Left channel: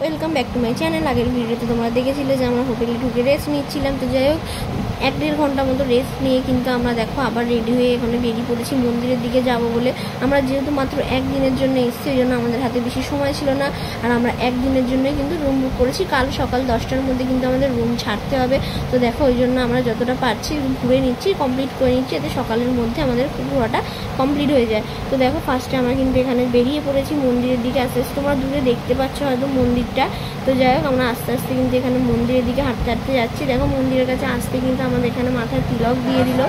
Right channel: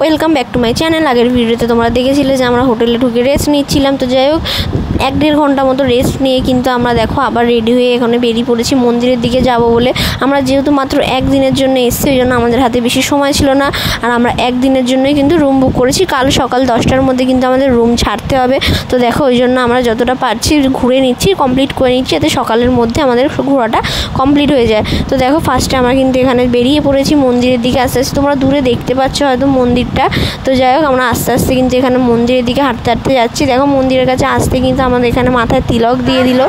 Welcome back to my channel. আগের ভিডিওতে তোমরা দেখেছিলে যে আমরা হোটেলে ঢুকে রেস্ট নিচ্ছিলাম। তো যাই হোক 1-1.5 ঘন্টা মতো রেস্ট নিয়ে কিন্তু আমরা দেখো আবার রেডি হয়ে এখানে বেরিয়ে পড়েছি মন্দিরের দিকে যাব বলে। আমরা যেহেতু মাত্র একদিনের জন্য এসেছি ওই জন্য আমাদের হাতে বেশি সময় ছিল না, আর আমরা একদিনের জন্যই কিন্তু রুম বুক করেছি। কাল সকাল 10টার মধ্যে কিন্তু আমাদের রুম ছাড়তে হবে। তো দেখো ওই জন্য আমরা যতটা পারছি ঘুরে নিচ্ছি, কমপ্লিট করে নিচ্ছি, যাতে সকালের মধ্যে আমাদের ঘোরাটা কমপ্লিট হয়ে যায়। তো দেখো ফার্স্টে আমরা কিন্তু এখানে বেরিয়ে পড়েছি মন্দিরের দিকে। আস্তে আস্তে তোমরা দূরে দেখতে পাচ্ছ হয়তো মন্দিরটা। তো যাই হোক আমরা আস্তে আস্তে কিন্তু এখানে মন্দিরের দিকে হাঁটতে হাঁটতে যাচ্ছি। দেখো মন্দিরের কাছে আসতে কিন্তু আমাদের এখানে মাথায় তিলক দিয়ে দিল।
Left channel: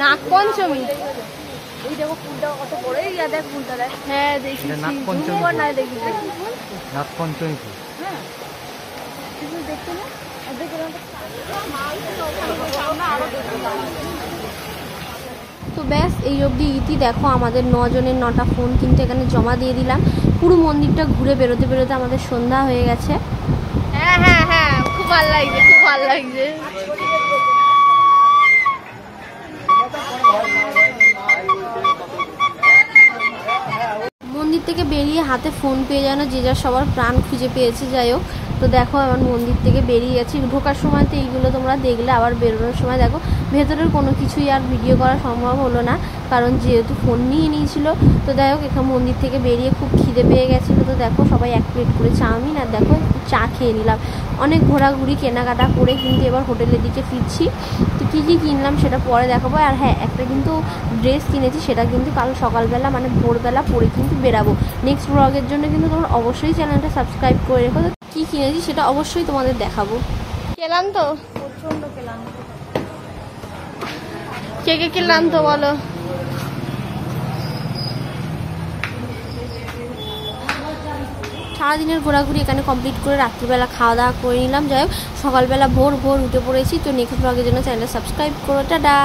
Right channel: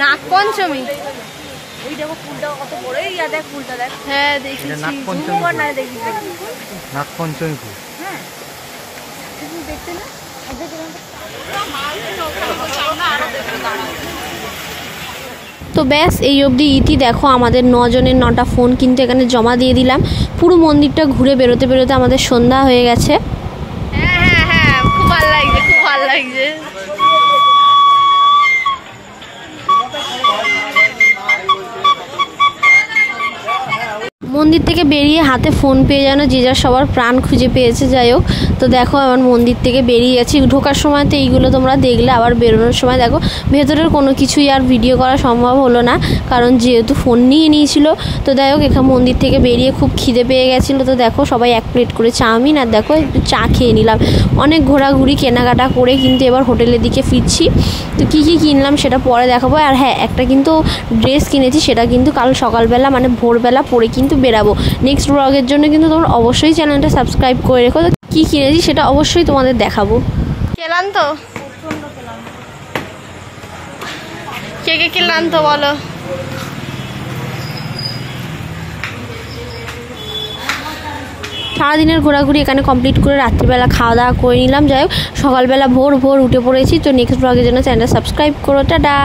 নাগপঞ্চমী ওই দেখো ফুলটা কত বড়, ইয়া দেখ ফুলটা দেখ। হ্যাঁ দেখেছি, নাগপঞ্চমী না দেখি নাগপঞ্চমী ফুল। হ্যাঁ দেখতে না তো ব্যাস এই অবধি ইতি। দেখো আমাদের 9 জনের 9টা ফোন কিন্তু এখানে জমা দিয়ে দিলাম। পুরো মন্দিরটা ঘুরে বেরোতে বেরোতে আমাদের সন্ধ্যা হয়ে গেছে। হ্যাঁ হ্যাঁ হ্যাঁ খুব ভালো লাগছে, খুব ভালো লাগছে। মন্দির থেকে বেরিয়ে হাতে ফোন পেয়ে যেন যে যার সবার প্রাণ খুঁজে পেয়েছে। যাই হোক তো দেখো আমার মন্দির থেকে বেরিয়ে গেছি। ঢোকার সময় তো এইগুলো তোমরা দেখলে, আবার বেরোনোর সময় দেখো ভেতরের কোনো কিছুই আর ভিডিও করা সম্ভব হলো না, কারণ যেহেতু ফোন নিয়ে নিয়েছিল। তো যাই হোক এখানে মন্দির থেকে বেরিয়ে খুব খিদে পেয়ে গেছিলো। তো দেখো সবাই 1 প্লেট করে চাউমিন আর দেখো একটু চা খেয়ে নিলাম। অনেক ঘোরাঘুরি কেনাকাটা করে কিন্তু এবার হোটেলের দিকে ফিরছি। তো কী কী কিনলাম সেটা পরে দেখাবো। আর হ্যাঁ একটা কিন্তু ড্রেস কিনেছি, সেটা কিন্তু কাল সকালবেলা মানে ভোরবেলা পরে কিন্তু বেরাবো। নেক্সট ব্লগের জন্য কিন্তু তোমরা অবশ্যই চ্যানেলটা সাবস্ক্রাইব করে রেখো। তো কী কিনেছি সেটা অবশ্যই তোমাদের দেখাবো। খেলাম তো প্রচন্ড খেলাম। কে কে খেলাম তো বলো। সারাদিনের ঘোরাঘুরি এখানে কমপ্লিট করে রাত্রিবেলা খাওয়া দাওয়া করে নিলাম। যাই হোক সকালবেলা ভোর ভোর উঠে পড়েছি। তো নেক্সট ব্লগের জন্য চ্যানেলটা সাবস্ক্রাইব করো। টাটা।